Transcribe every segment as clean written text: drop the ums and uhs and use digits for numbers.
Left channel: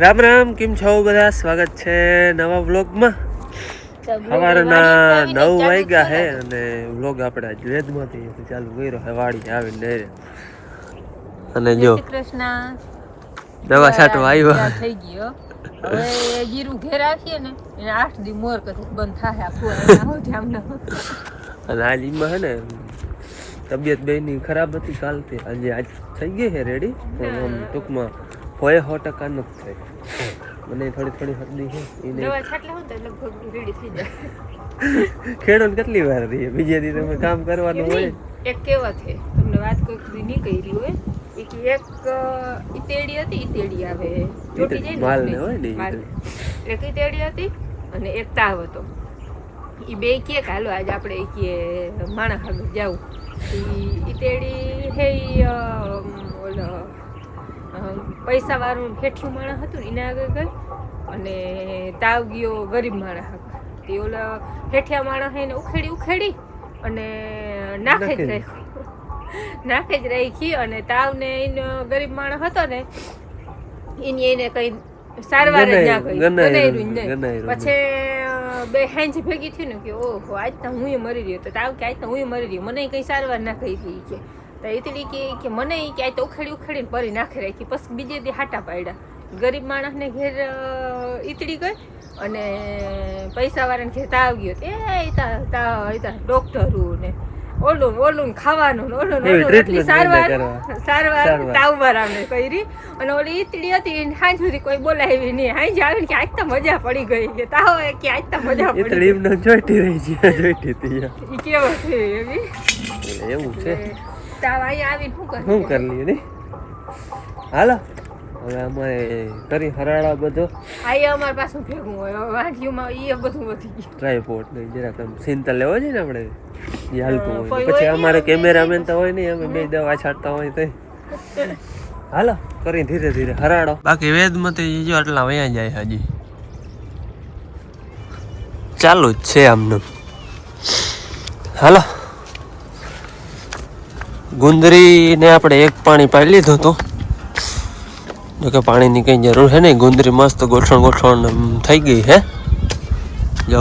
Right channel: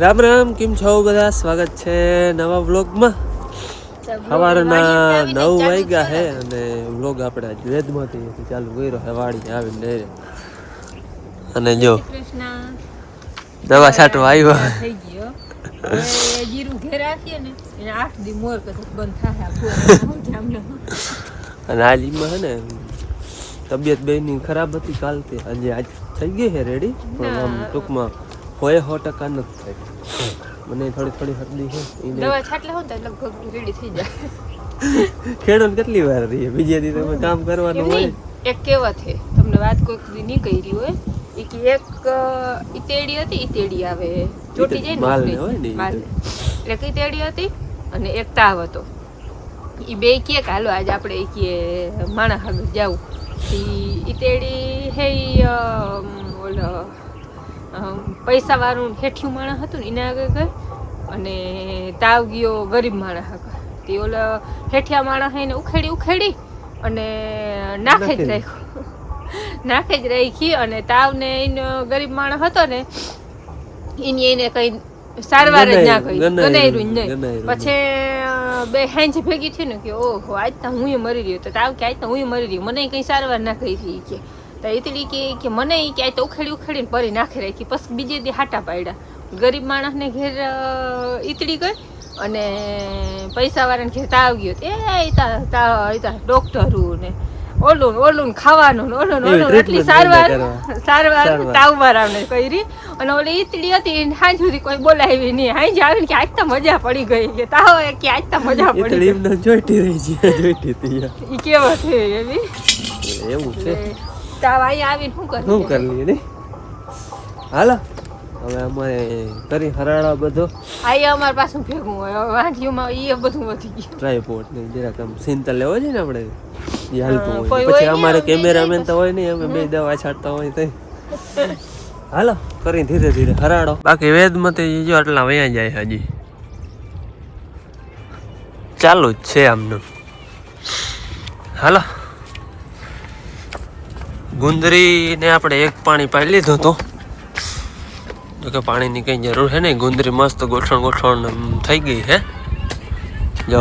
રામ રામ, કેમ છો બધા? સ્વાગત છે નવા વ્લોગમાં. સવારના 9 વાગ્યા છે અને વ્લોગ આપણે વેદમાંથી ચાલુ કર્યો છે વાડી આવીને અને જો દવા છાંટવા આવ્યો થઈ ગયો. હવે જીરું ઘેર રાખીએ ને એને 8 દી મોર કથે બંધ થાય અને આજ એમાં છે ને તબિયત બેની ખરાબ હતી કાલથી, આજ થઈ ગઈ છે રેડી, પણ આમ ટૂંકમાં 100% નથી થઈ. મને થોડી હરદી છે એને દવા છાટલે હોત લગભગ રેડી થઈ જાય. ખેડૂત કેટલી વાર રહીએ, બીજે દી તમે કામ કરવાનું હોય. એક કહેવત છે, તમને વાત કોઈ નહીં કરી હોય, એક ઈતેડી હતી, ઈતેડી આવે ચોટી જાય માલ ને હોય ને, એક ઈતેડી હતી અને એક તાવ હતો. એ બે કે હાલો આજ આપણે કે માણા હાગર જાવું. ઈતેડી હે ઓલો પૈસા વાળું હેઠિયું માણસ હતું ને એના આગળ ગઈ અને તાવ ગયો ગરીબ માણસ આગળ. તે ઓલા હેઠિયા માણસ એને ઉખેડી અને નાખે જ રાખી અને તાવને એનો ગરીબ માણસ હતો ને એની એને કઈ સારવાર જ ના કરી, ગનાયરું જ નહીં. પછી બે હેંજ ભેગી થઈ ને કે ઓહો આજ તો હું મરી રહ્યો, તો તાવ કે આજ તો હું મરી રહ્યો, મને કઈ સારવાર ના કરી કે એટલી કે મને કે આ તો ઉખેડીને પરી નાખી રાખી. પછી બીજે દી હાટા પાડ્યા. ગરીબ માણસને ઘેર ઈતડી ગઈ અને પૈસા વાળાને ઘેર તાવ ગયો. ડોક્ટરું ને ઓલું ખાવાનું એટલી સારવાર તાવ વાળાને કરી અને ઓલી ઈતડી હતી સાંજ સુધી કોઈ બોલાવી નહીં. હાંજ આવીને કે આજ તો મજા પડી ગઈ કે તાવ કે આજ તો મજા પડી ગઈ. જોઈતી રહી છે ઈ કેવો છે એવી એવું છે. તાવ અહીંયા આવીને શું કરી લઈએ ને. હાલો હવે અમારે કરી હરાળા બધો અહીંયા અમારે પાછું ભેગું હોય વાંઢીઓમાં એ બધું વધી ગયું. ટ્રાયપોડ ને જરાક આમ સિંતલ લેવો છે ને આપણે એ હાલતું હોય. પછી અમારે કેમેરામેન તો હોય નહીં, અમે બે દવા છાંટતા હોય તો. હાલો કરી ધીરે ધીરે હરાડો. બાકી વેદમાંથી જો આટલા વયા જાય હજી ચાલુ જ છે આમનું. હાલો ગુંદરીને આપણે એક પાણી પાડી લીધું હતું, જોકે પાણીની કંઈ જરૂર છે નહીં. ગુંદરી મસ્ત ગોઠણ થઈ ગઈ છે. જો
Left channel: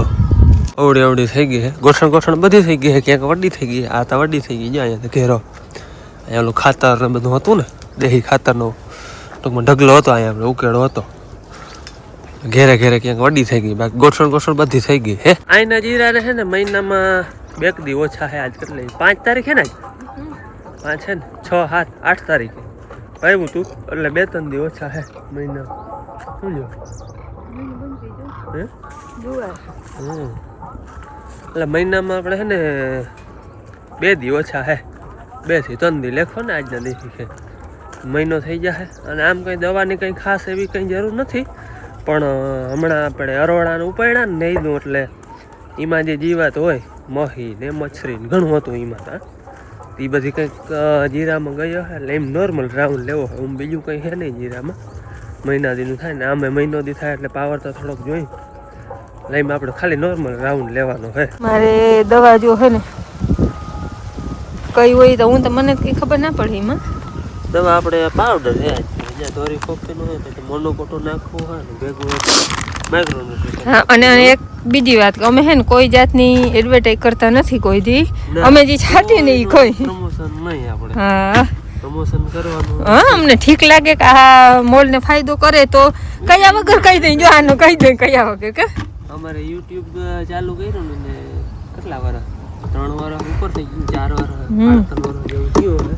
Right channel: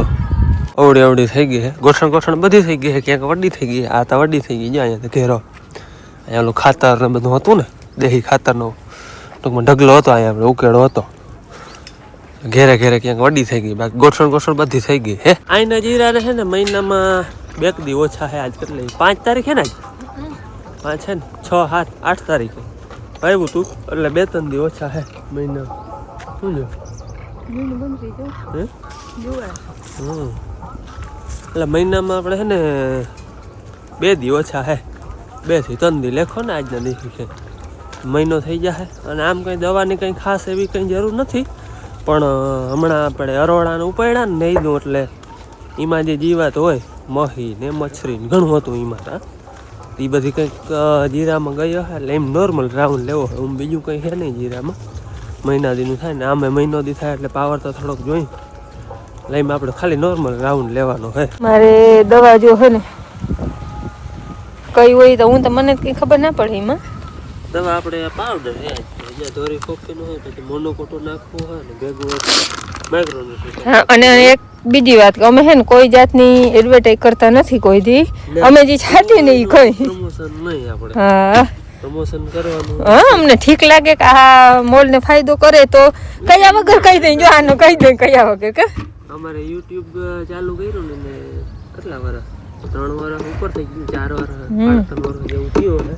અવડી થઈ ગઈ છે, ગોઠણ બધી થઈ ગઈ છે. ક્યાંક વડી થઈ ગઈ, આ તો વડી થઈ ગઈ. જો અહીંયા ઘેરો અહીંયા ઓલું ખાતર ને બધું હતું ને, દેશી ખાતરનો ટૂંકમાં ઢગલો હતો, અહીંયા આપણે ઉકેળો હતો. ઘેરે ક્યાંક વડી થઈ ગઈ, બાકી ગોઠણ બધી થઈ ગઈ હે. અહીંના જીરા છે ને મહિનામાં 2 દી ઓછા છે. આજ કેટલી 5 તારીખ છે ને, આજ 5 છે ને, 6, 7, 8 તારીખે આવ્યું તું, એટલે 2-3 દી ઓછા છે મહિના. શું જો એટલે મહિનામાં આપણે છે ને 2 દી ઓછા છે. 2 થી 3 દી લેખો ને આજના દિવસે છે, મહિનો થઈ જશે. અને આમ કંઈ દવાની કંઈ ખાસ એવી કંઈ જરૂર નથી, પણ હમણાં આપણે અરોડાને ઉપાડ્યા ને નહીં, એટલે એમાં જે જીવાત હોય મહી ને મચ્છરી ઘણું હતું એમાં. એ બધી કંઈક જીરામાં ગયો છે, એટલે એમ નોર્મલ રાઉન્ડ લેવો હોય. હું બીજું કંઈ છે નહીં જીરામાં. મહિના દીનું થાય ને, આમે મહિનો દી થાય એટલે પાવર તો થોડોક જોઈ લઈને આપણે ખાલી નોર્મલ રાઉન્ડ લેવાનો છે. મારે દવા જો છે ને કઈ હોય તો હું તો મને કંઈ ખબર ના પડે. એમાં દવા આપણે પાવડર છે, અહીંયા ધોરી ફોકીનું હોય તો મોનોકોટો નાખવું હોય ને ભેગું માઇક્રોન્યુટ્રિશન. હા, અને એક બીજી વાત કે અમે હે ને કોઈ જાતની એડવર્ટાઈઝ કરતા નથી કોઈ દી. અમે જે છાંટીએ ને એ કોઈ પ્રમોશન નહીં આપણે. હા, પ્રમોશન કરવાનું. હા, અમને ઠીક લાગે કે આ મોલને ફાયદો કરે તો કયા વગર કહી દઈ. જો આનો કહી દઈ કયા વગર કે અમારે યુટ્યુબ ચાલુ કર્યું ને કેટલા વર્ષ, 3 વર્ષ ઉપર થઈ ગયું, 4 વર્ષ 3 વર્ષ જેવું થયું છે.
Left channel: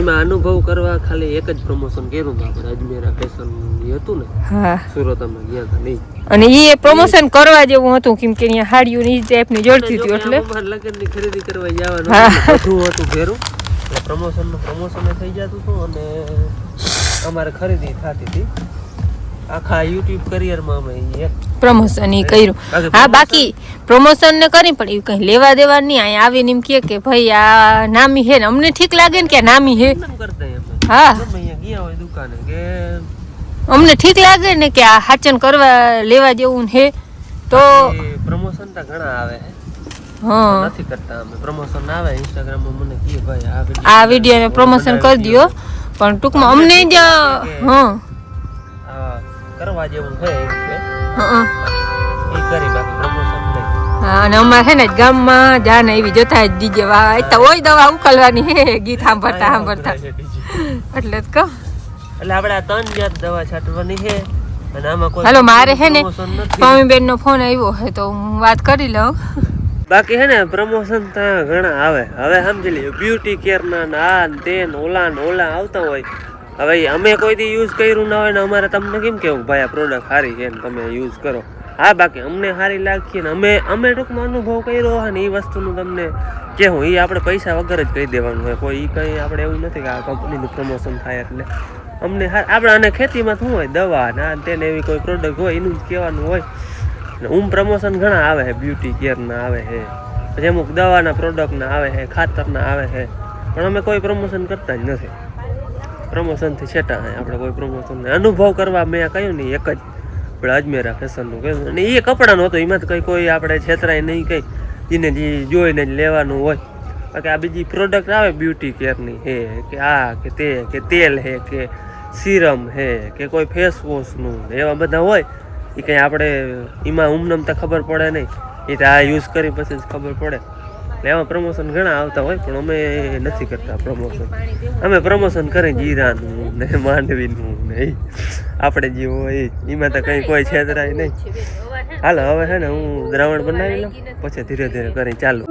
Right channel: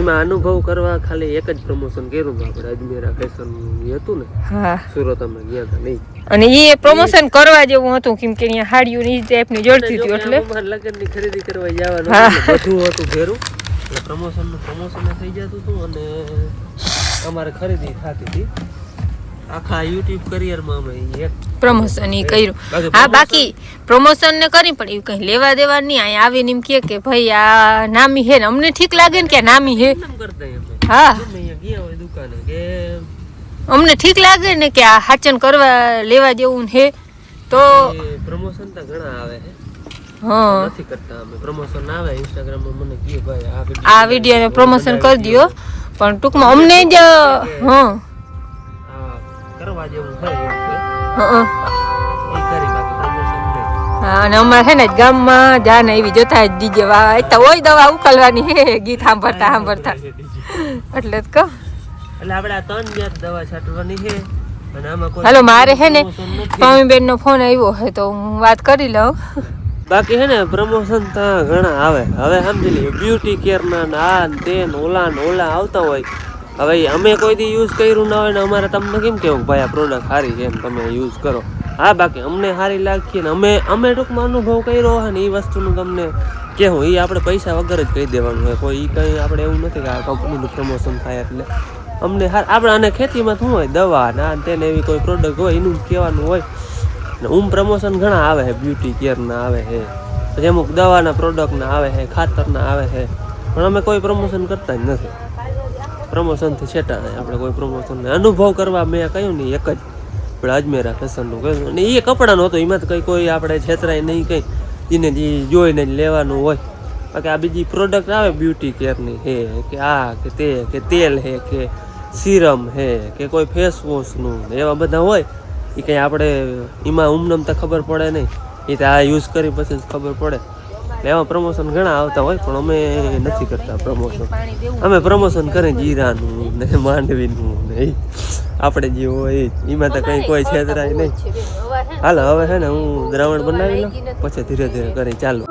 એમાં અનુભવ કરવા ખાલી એક જ પ્રમોશન કર્યું હતું આપણે, અજમેરા ફેશન હતું ને. હા, સુરત અમે ગયા હતા નહીં, અને એ પ્રમોશન કરવા જેવું હતું કેમ કે અહીંયા હાડીઓ ની ટાઈપની જોડતી હતી એટલે લગ્નની ખરીદી કરવા જવાનું બધું હતું ઘેરું, એટલે પ્રમોશન થઈ જતું હતું અને અમારે ખરીદી થતી હતી. આખા યુટ્યુબ કરિયરમાં અમે એક પ્રમોશન ઈ કર્યું. હા, બાકી પ્રમોશન ને કરી પણ એવું કઈ લેવા દેવા નહીં. અહીંયા આવીને એમ કે ભાઈ આ નામી હે ને, અમને ઠીક લાગે ને કે નામી હે. હા, ગયા હોય દુકાને કે અમને ઠીક લાગે ને કે આ હાચન કરવા લેવા જેવું હે તો પ્રમોશન તો ઘણા આવે હે. હા, નથી કરતા અમે પ્રમોશન. આવે ઇન્સ્ટાગ્રામમાં મને કહે ભાઈ આ વિડિયો ને પ્રમોશન કરી દયો, પણ ટૂંકમાં અમને જ કરવા જેવું છે એવું છે હા એ કરી બાકી પ્રમોશન નહીં. હા અને અમારે છે ને ગામમાં જાને એવી જતા જ ડીજે વાહ તો હોય દવા ઉકલવાની હે ગીત સાંભળતા સાંભળતા એટલે જ કહો. એટલે આપણે આ 3 જાત દવા છાંટવાની છે અને આમાં કોઈ હાલો મારે છે ને promotion નથી. સ્વામીબેન નો ફોન આવ્યો છે તો હું વાત કરી લઉં. બાકી હે ને પ્રમોશન ત્યાં ઘણા આવે. હવે સમજી લ્યો બ્યુટી કેર ના આ ને તે ને ઓલા ને ઓલા આવતા હોય. હવે અમે કોઈ દી યુઝ કર્યું ના હોય ને અમારે તમને કેમ કેવું ભાઈ આ પ્રોડક્ટ સારી છે ને તમે યુઝ કરો. હા બાકી અમને સારી લાગશે ને અમે ટૂંકમાં અનુભવ કર્યો હોય ને એ વસ્તુનું તમને કેવું એ આપણે પૈસા વગર જ કહી દેવાનું હોય. કોઈ કંઈ આપણે એવું નથી કે આ કંપનીનું પ્રમોશન થાય એટલે અમને આપણે અને ખેતીમાં શું હોય દવા ના તેને એવી કોઈ પ્રોડક્ટ હોય એનું જ કહેવાનું હોય ને. પ્રમોશન ઘણા આવે છે બ્યુટી કેરના આવે છે પછી અમુક દવાના પ્રોડક્ટના આવે છે ખાતરના આવે છે પણ અમે કોઈ પ્રમોશન કરતા જ નથી. પ્રમોશનથી છેટા નહીં આપણે કોઈ પ્રમોશન નહીં. અનુભવ કરવા મેં કહ્યું નહીં એક જ આપણે અજમેરા ફેશનનું કહ્યું અને એ કપડાનું હતું એમાં તો કંઈ કોઈ આપણે છેતરાય નહીં કંઈ એને જે જોઈને જ લેવાનું હોય. બાકી આ બીજી પ્રોડક્ટ આવે બ્યુટી કેરની છે કે આ કે તે કે તેલ છે કે સિરમ છે કે કોઈ ફેસ વોશનું એવા બધા હોય એ કંઈ આપણે એમાં ઉમનમતા ખબર પડે નહીં. એ તો આ યુઝ કરી પછી જ ખબર પડે. એમાં પ્રમોશન ઘણા આવતા હોય પણ અમે નથી કરતા પ્રમોશન. અમે પ્રમોશન કરીએ જીરાનું ને માંડવીનું ને એ આપણે જે હોય એમાં તો કંઈ કોઈ છેતરાય નહીં. હાલો હવે છે ને હું દ્રાવણ બનાવી લઉં પછી ધીરે ધીરે કરી ચાલુ.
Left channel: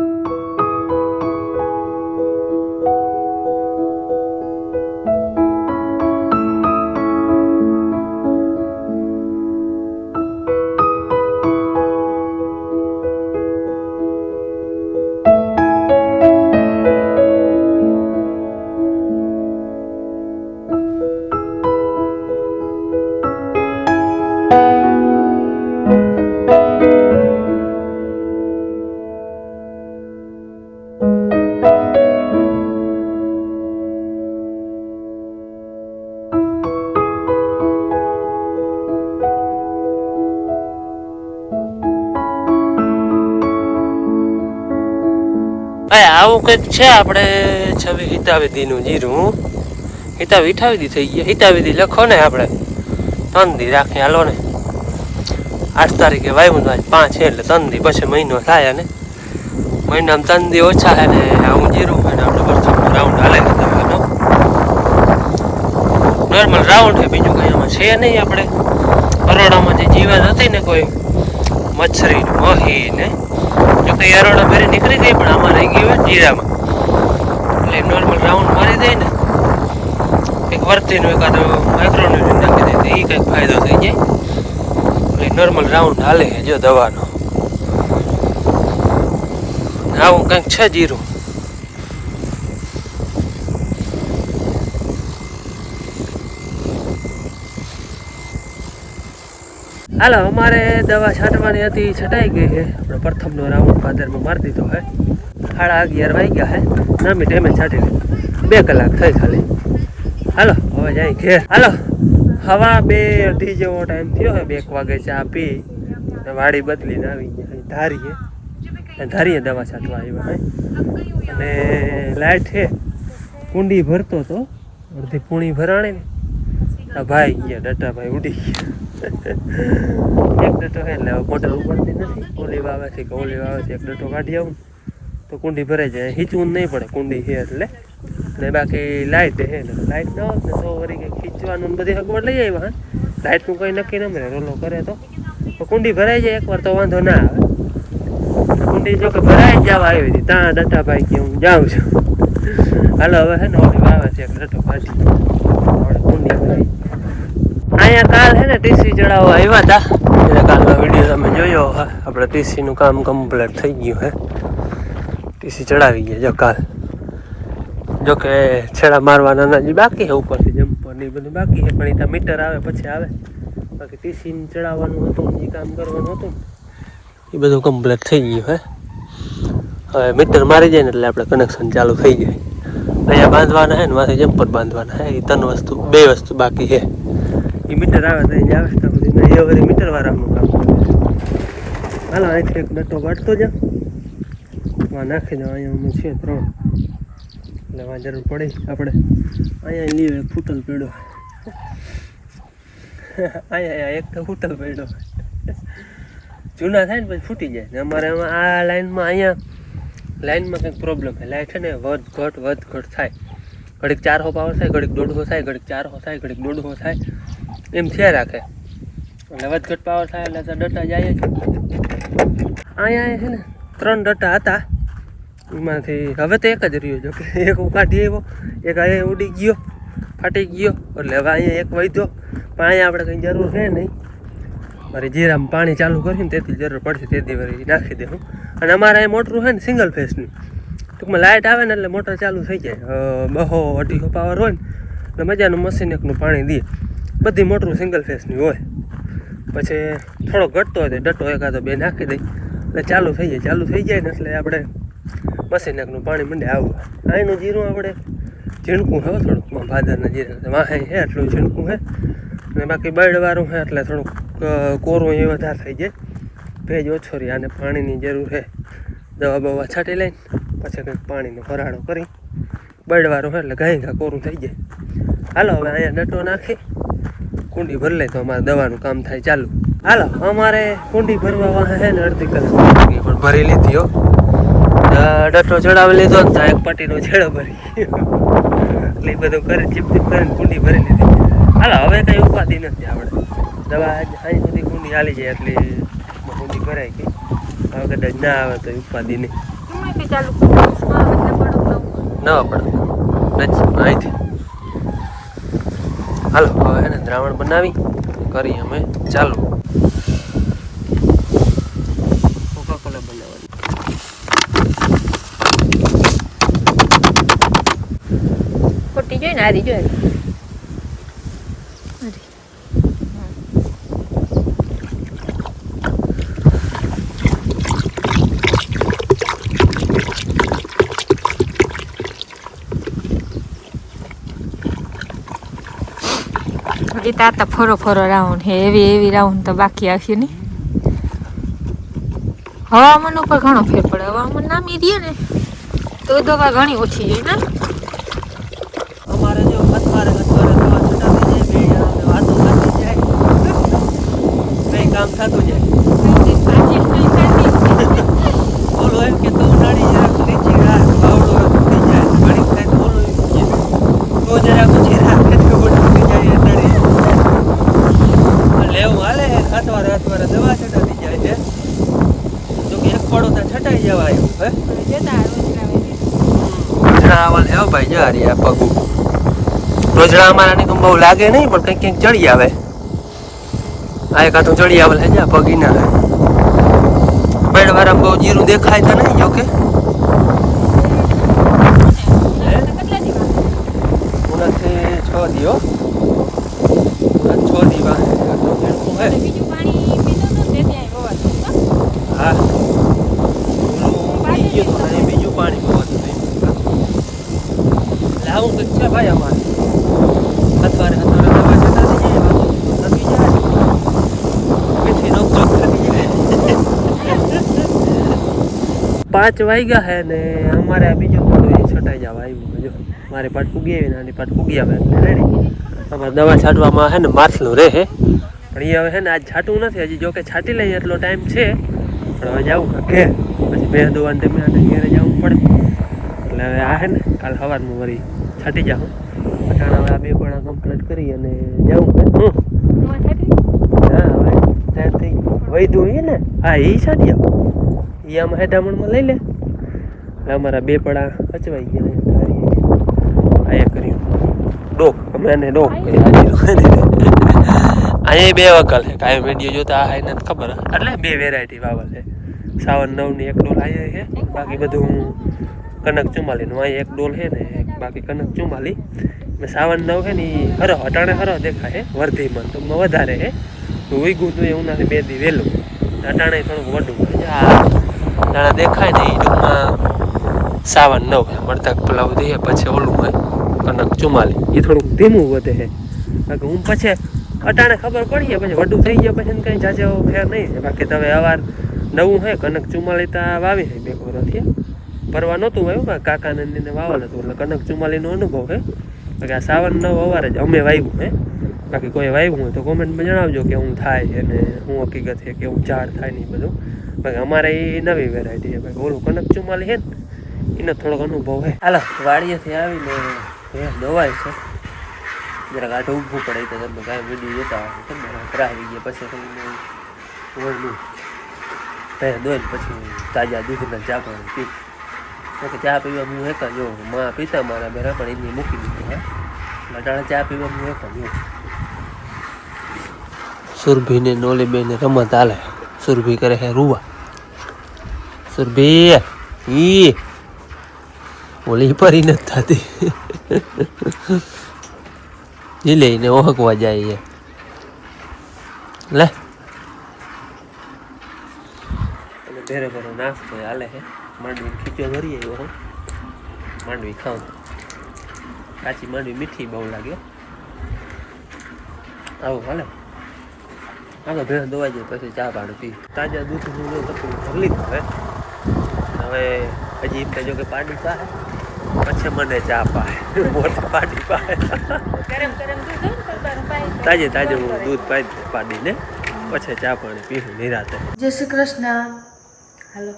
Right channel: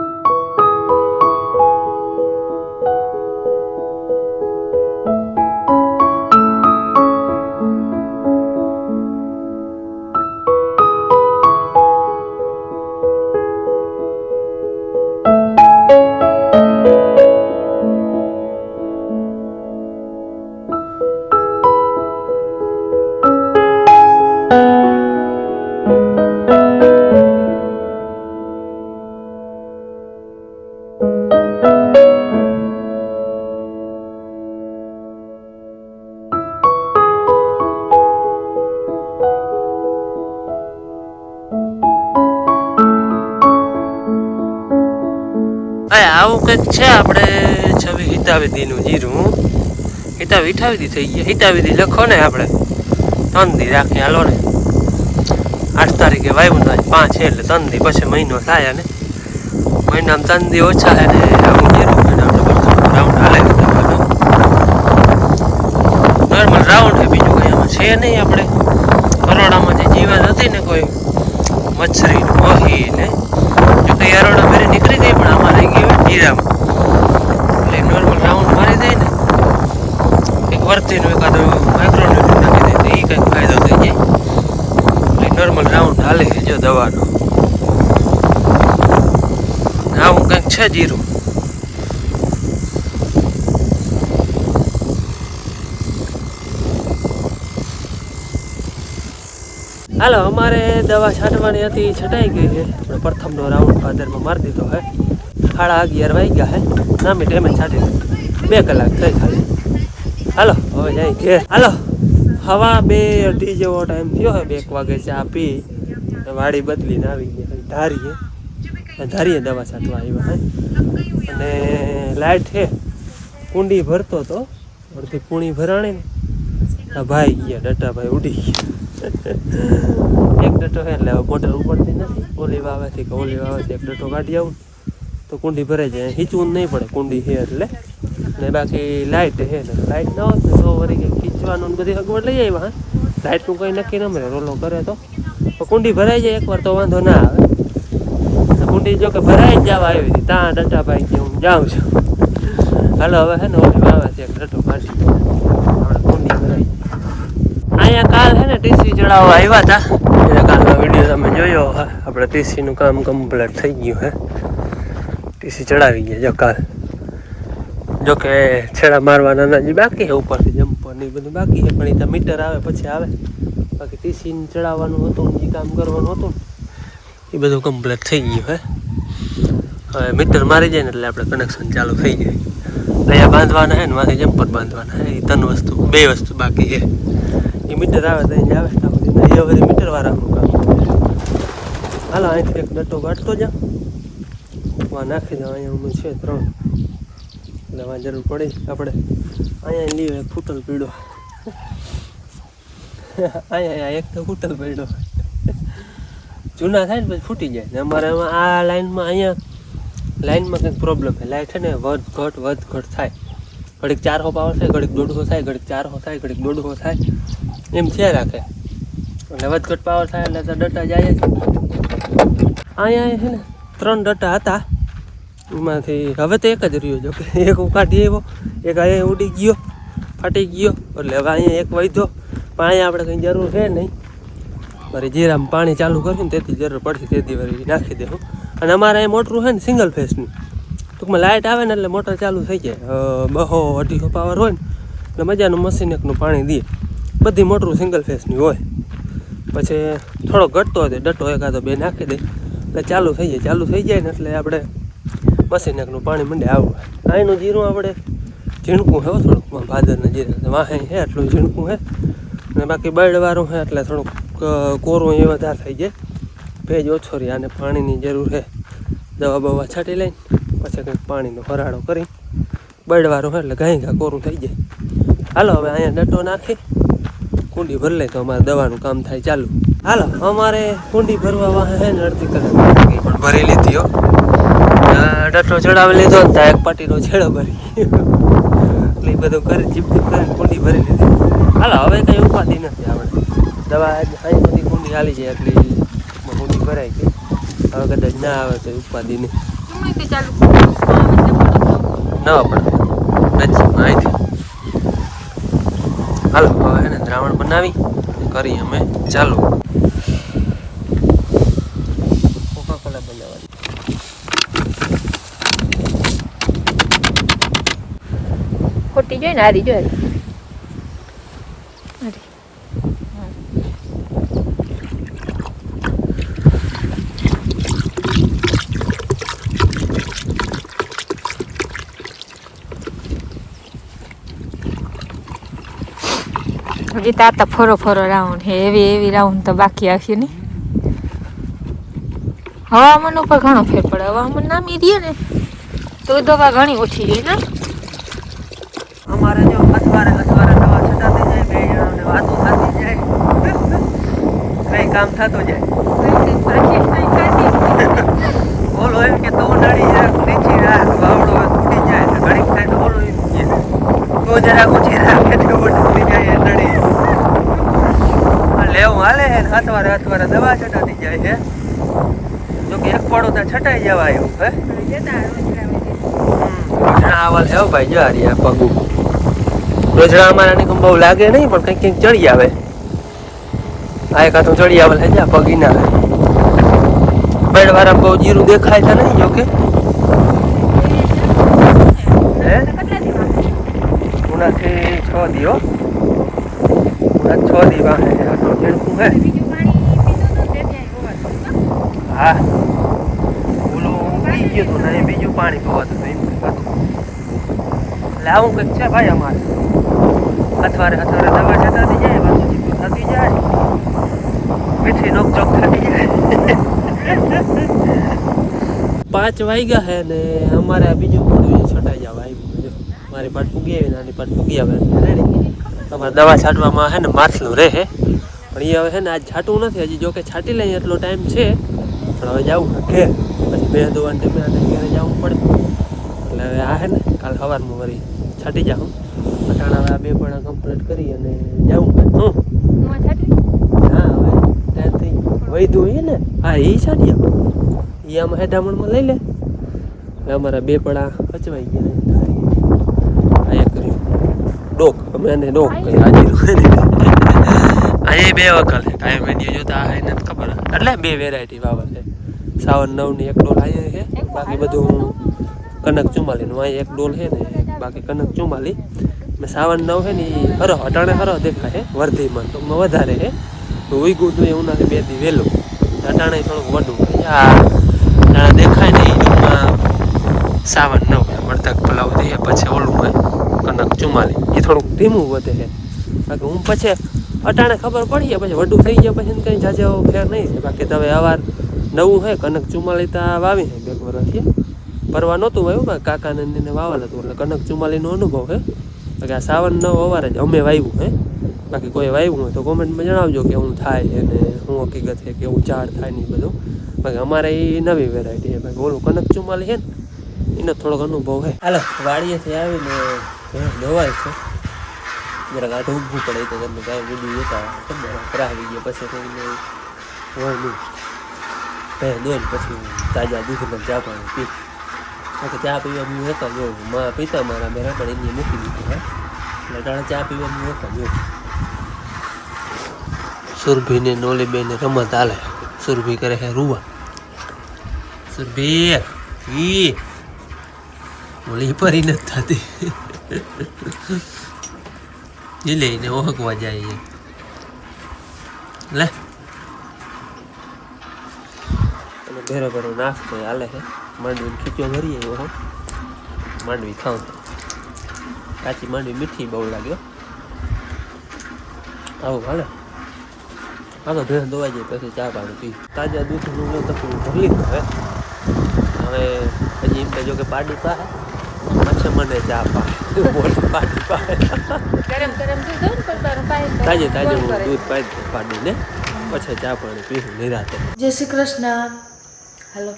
આવું કંઈક છે આપણે છવી હિતાવિધિનું જીરું હિતાવિધિ થઈ ગયા. હિતાવિધિ લખો ને આપણે 3 દી રાખી હાલો ને 8 તારીખે વાવ્યું આજ 5 છે એટલે 3 દી પછી મહિનો થાય અને મહિનામાં 3 દી ઓછા છે ને આવું જીરું છે ને આપણે વર્ષનો રાઉન્ડ હાલે દવાનો નોર્મલ રાઉન્ડ છે બીજું કંઈ આમાં છે નહીં. આપણે પરોડામાં જે જીવાત હતી ને કોઈ મચ્છરી મહી ને જો કે અરોડા ફેરી નીકળી ગઈ પણ આમાં રહી ગઈ હોય જીરામાં એટલે નોર્મલ રાઉન્ડ મારી દે ને એક વર્તીનું એકાદ માઇક્રોન્યુટ્રન નાખી દે તો એ કંઈક ફાયદો થઈ જાય. એટલે નોર્મલ રાઉન્ડ હાલે છે જો દવાનો. આવું કંઈક છે જીરું. હાલો અમારે દવા છાંટવાની હતી છટાઈ ગઈ છે. આપણે પ્રથમનો રાઉન્ડ ભાદરમાં મારી દીધો હે 11:30 વાગ્યા હે નામી ટાઈમે છાંટી 2 કલાક થઈ ખાલી. હાલો હવે જાય ઘેર. હાલો હવા 2:30 જેવો ટાઈમ થયો હે. 1 વાગે ચા પી વાડી બદલીને આવી ગયા ધારીએ દવા છાંટવા આવ્યા હે અને લાઇટ છે કુંડી ભરતો હતો અડધી પૂણી ભરાણી ને આ ભાઈ ગયા ડટાભાઈ ઉડી ગયા. એક ડટો હે એટલે મોટર ઉપડતી નથી. ઓલી વાવેથી કે ઓલી વાવેથી એક ડટો કાઢી આવું તો કુંડી ભરાઈ જાય. હીચવું નહીં પડે કુંડી છે એટલે ને બાકી લાઇટ છે ને લાઇટ ન હોત ને તો વળી કંઈક ખીચવાનું ને બધી સગવડ લઈ આવ્યા. લાઇટનું કંઈ નક્કી ન મળે રોલો કરે તો કુંડી ભરાઈ જાય એકવાર તો વાંધો ના આવે. કુંડી જો કે ભરાઈ જવા આવી છે ત્યાં ડટાભાઈ કે હું જાઉં છું. હાલો હવે હે ને ઓલી વાવે છે એક ડટો કાઢી કુંડી ભરાઈ. અહીંયા કાલ છે ને ટીસી ચડાવવા આવ્યા હતા એટલે કાલનો વિડીયો તમે જોયો આપણે ટીસીનું કામ કમ્પ્લીટ થઈ ગયું હે. ટીસી ચડાવી ગયા જો કાલ. જો કે છેડા મારવાના હજી બાકી છે ઉપરથી જમ્પર ને બધું બાકી છે પણ એ ત્યાં મીટર આવે પછી આવે. બાકી ટીસી ચડાવવાનું હતું એ કામ કરવાનું હતું એ બધું કમ્પ્લીટ થઈ ગયું હે. હવે મીટર મારી જાય ને એટલે આપણે કનેક્શન ચાલુ થઈ જાય. અહીંયા બાંધવાના છે ને માથે જમ્પર બાંધવાના છે. એ 2 વસ્તુ બાકી છે. એ મીટર આવે તો અહીંયા આવે એ બધી મીટર વાળાનું કામ. હાલો અહીંથી એક ડટ્ટો કાઢતો જાઓ નાખી દો. અહીંયા અમે છે 3 એટલે જરૂર પડી આપણે અહીંયા લીવ એક ફૂટલ પીડો અહીંયા એક તો ફૂટલ પડ્યો જૂના થાય ને પછી ફૂટી જાય ને અમારે એમાં આ લાઈનમાં અહીંયા લાઈનમાં કંઈક પ્રોબ્લેમ છે. લાઈટ છે ને વધઘટ થાય, ઘડીક 400 પાવર થાય, ઘડીક 150 થાય, ઘડીક 400 થાય, ઘડીક 150 થાય, એમ થયા રાખે. એટલે વધઘટ પાવર થાય એટલે તો ડટા જાય જ. અહીંયા છે ને 3 ડટા હતા, એમાંથી હવે તો એક જ રહ્યો. જો કે એક હું કાઢી આવ્યો, એક અહીંયા ઉડી ગયો, ફાટી ગયો, એટલે હવે અહીંયા એક વધ્યો. પણ અહીંયા આપણે કંઈ જરૂર છે નહીં. મારે જીરામાં પાણી ચાલુ કરીને તેથી જરૂર પડશે તેથી વળી નાખી દેવું. અને અમારે અહીં મોટરું છે ને સિંગલ ફેસનું, ટૂંકમાં લાઇટ આવે ને એટલે મોટર ચાલુ થઈ જાય. 200-250 પાવર હોય ને એટલે મજાનું મશીન એકનું પાણી દે. બધી મોટરું સિંગલ ફેસની હોય. પછી થોડો ઘટતો હોય તો ડટો એકાદો 2 નાખી દે એટલે ચાલુ થઈ જાય. ચાલુ થઈ જાય ને એટલે આપણે મશીન એકનું પાણી મંડે આવવું. અહીંનું જીરું આપણે ઝીણકું છે થોડુંક, ભાદરના જીરા વાહે છે એટલું ઝીણકું છે. અને બાકી બળવાળું છે એટલે થોડુંક કોરું એ વધારે થઈ જાય, ભેજ ઓછો રહે. અને પાણીની જરૂર છે, દવા બવા છાંટી લઈને પછી કંઈક પાણીનો ભરાડો કરી બળવાળું છે એટલે ઘાં કોરું થઈ જાય. હાલો હવે અહીંયા ડટો નાખી કુંડી ભરી લે તો અમારે દવાનું કામ થાય ચાલુ. હાલો અમારે કુંડી ભરવા વાહે છે ને અડધી કલાક પણ ભરી લીધી હો. ડટો ચડાવી લીધો ને ત્યાં એક પાટીનો છેડો ભરી એટલે એ બધું કરી ચીપ કરીને કુંડી ભરી લીધી. હાલો હવે કંઈ ઉપાધિ નથી. આપણે દવા અહીં બધી કુંડી હાલી જાય એટલે કુંડી ભરાઈ ગઈ. હવે કદાચ ના આવે તો ઉપાધિ નહીં. નવા પડે અહીંથી. હાલો હવે એને દ્રાવણ બનાવી કરી અમે ચાલુ. કોકાકોલા બનાવવાની. ખોટી જોઈ ને આરી જોઈ. હજી તાતા ફરો રાઉન્ડ હે, એવી રાઉન્ડ તો બાકી આવશે ને. હવામાન ઉપર ઘણો ફેર પડે. હવામાન નામી રહીએ ને તો દવા ઘણી ઓછી જોઈએ ને. અમારે જો અથવારે દવા છટાતી જાય, 2 જણાને વાતો થતી જાય, કઈ કામ થતું જાય. ઓલો એમ કે તો ડાળી રાખ, નીચે રાખ, બાવડો થઈ જાય. ઘડીક થાય તો ઓલો એમ કહે તો જરા ઓછી રાખે તો ઉઠી જાય ડાળી. લેવું હાલે અથવારે દવા છટાતી જાય છે. જો કે એક પડો ત્યાં છટાઈ જવા એવું હે. રોજડા ભાઈ જો હારી આ પગું રોજડા અમારા ની બહુ લાગે નહીં, પણ કંઈક ચડી આવે. આ એક હાથું ચડી આવે જા પગી ના આવે. બેડવાળા બહુ જીરું દેખાય તો નહીં. જો કે ઉનાથી 6 દી 6 દી વાગે ઝીણકું હે. હા ઓલું ઉગી ગયું હતું ને બીજું પાણી પવાતું હતું એમ કંઈક હતું. એટલે આવું કંઈક છે ભાઈ અમારે. અથવારે દવા જતાતી જાય, વાતું થતી જાય, મીઠી નોકચોક થતી જાય. 5 વાગ્યા હે ને અમારે આ બીજું પણ છટાઈ જવા આવ્યું. જો મારી પાટ પૂગી આવી, નાની પાટ પૂગી આવે એટલે રેડી. તમારે દવા છાંટવામાં હે ને માથલું રહે હે, પણ એ હવે છે ને આજ છાંટવું નથી. હજી જો કે છાંટી લઈએ એટલો ટાઈમ છે, પણ હવે જવું ઘેર. પછી મેં દોવાને તેમને ઘેરે જવું પડે. એટલે હવે આ હે ને કાલ સવારમાં વળી છાંટી જાઉં. અટાણા હવે આ 2 પણ કમ્પ્લીટ કરી અને જવું. હા હવે ટાઈમ થઈ વૈધું એ ને. હા એ છાંટી આવો, એ આમાં હેઠામણમાં લઈ લે. એટલે અમારા 2 પડા અચવાઈ ગયા. આ કરી ડોક, અમે એને ડોક કહી. અહીંયા 2 વકલ છે. કાંઈ વિડીયો જોતા આ એને ખબર. એટલે 2 વેરાયટી વાવલ છે. 59ની 1 ડોલ અહીંયા છે, બાકી બધું કનક 44નું. અહીં 1 ડોલ છે ને બાકી કનક 44. મેં 59 છે ને એ હરો અટાણે હરો દેખાય છે. વર્ધીમાં તો વધારે છે. તો ઉઈગું તું એવું નાખે 2 દી વહેલું, અટાણે થોડુંક વડું અટાણે દેખાય ને એ ટૂંકમાં 59 છે. મળતા પલાવ દઈએ પછી ઓલું હોય કનક 44, એ થોડુંક ધીમું વધે છે. બાકી હું પછી અટાણે ખબર પડીએ પછી વડું થઈ ગયા પછી કંઈ જાજો ફેર નહીં છે. બાકી તો હવે અવાર નવું છે કનક 44 તો વાવી છે 2 વર્ષથી. પરવા નહોતું વાવ્યું, કાકાને એને વાવેલ હતું એટલે કનક 44નો અનુભવ છે. બાકી આ 59 અવાર જ અમે વાવ્યું છે. બાકી કોઈ વાવ્યું હોય તો કોમેન્ટમાં જણાવજો કે હું થાય અને શું હકીકત છે કે એવું ઝાડ થાય નહીં બધું. બાકી અમારે એ નવી વેરાયટી છે. બાકી ઓલું કનક ચુમાલી છે ને એનો થોડોક અનુભવ છે. હાલો વાડીએથી આવીને દવાય છે જરાક આઠ ઊભું પડે તો ઘરનું કાંઈ વિડીયો જતા ખબર રાહી ગયા પછી થઈને હોય નહીં પહેલાં દોઈને પછી તાજા દૂધના ચા પાણી પી. ચા પીવા હું એક જ એવું માં પીતા મારા બેરા પણ એની મૂકી દીધું. હા એટલે ટાણે ચા પીવા હું એક જ એવું. સુરભીને નોલી બેને રમત હાલે. સુરભી કરે છે રૂવા. સુરભી ઈ ઓલી પરી નથી થતી. એ લઈને ઓહકવા જાય લે અને ઘરે ઘરે નાસ્તો હાલે છે. માંડવીને ખીચો ભરી આવ્યો હો. માંડવી ખાવ કાચી માંડવી મીઠી બહુ લાગ્યો. આવું હાલે આગળ ભેણ દોવાઈ જાય પછી ચા પાણી પી. તાજા દૂધનું જો તકલીફ ભરલી હવે હજી એમ જો કે પાડી પાસે પછી મને ચા પાય પાડી પાય તાજે તાજે હું દૂધ પાઈ પાડીને પછી ચા પાણી પીવું નિરાતે. જય શ્રી કૃષ્ણ. હાલો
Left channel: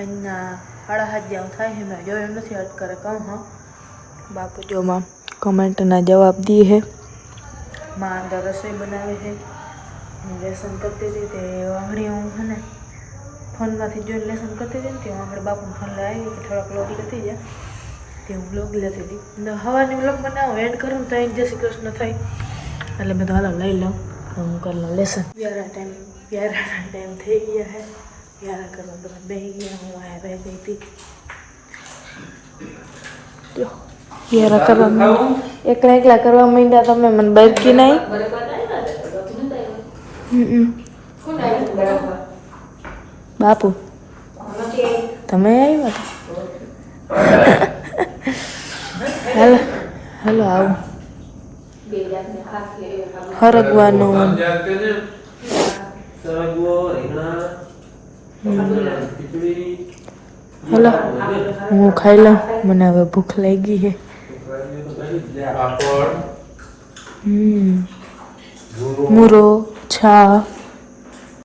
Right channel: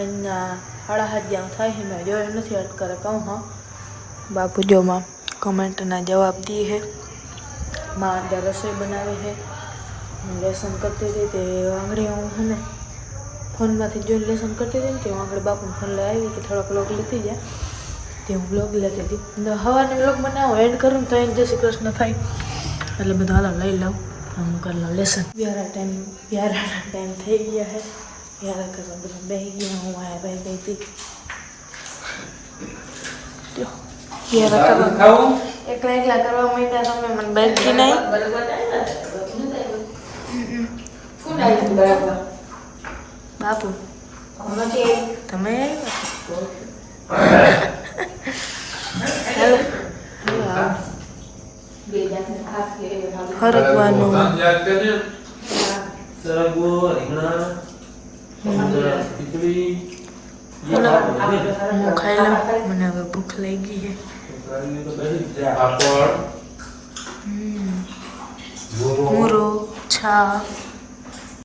અહીંયા 8:30 જેવું થાય છે. મેં જોયું નથી અટકરે કહું. હા બાપુ જો માં કમેન્ટના જવાબ દી છે. માં અંદર રસોઈ બનાવે છે. હું લેસન કરતી હતી તે આંગળી હું છે ને ફોનમાંથી જોઈને લેસન કરતી હતી ને તે આંગળી બાપુને ફોન લઈ આવી કે થોડોક વ્લોગ લેતી જાય તે હું વ્લોગ લેતી હતી. સવારની વ્લોગ બનાવો એડ કરું ને તો એક જય શ્રી કૃષ્ણ થાય એટલે મેં તો હાલો લઈ લઉં હું કરી લઉં લેસન. વ્યારા ટાઈમ થઈ ગયા છે. વ્યારા કરવા બધા બેસી ગયા. હું આયા રહી ગઈ હતી. જો વ્યારા કરવા એકલા કરવા માંડ્યા તમે મને બેઠી નહીં. બાપુ તમે હેલો આવો હરકવાનું હલો હું ખાઈ લઉં. મને હવે ભૂખ લાગી છે. મૂરો છા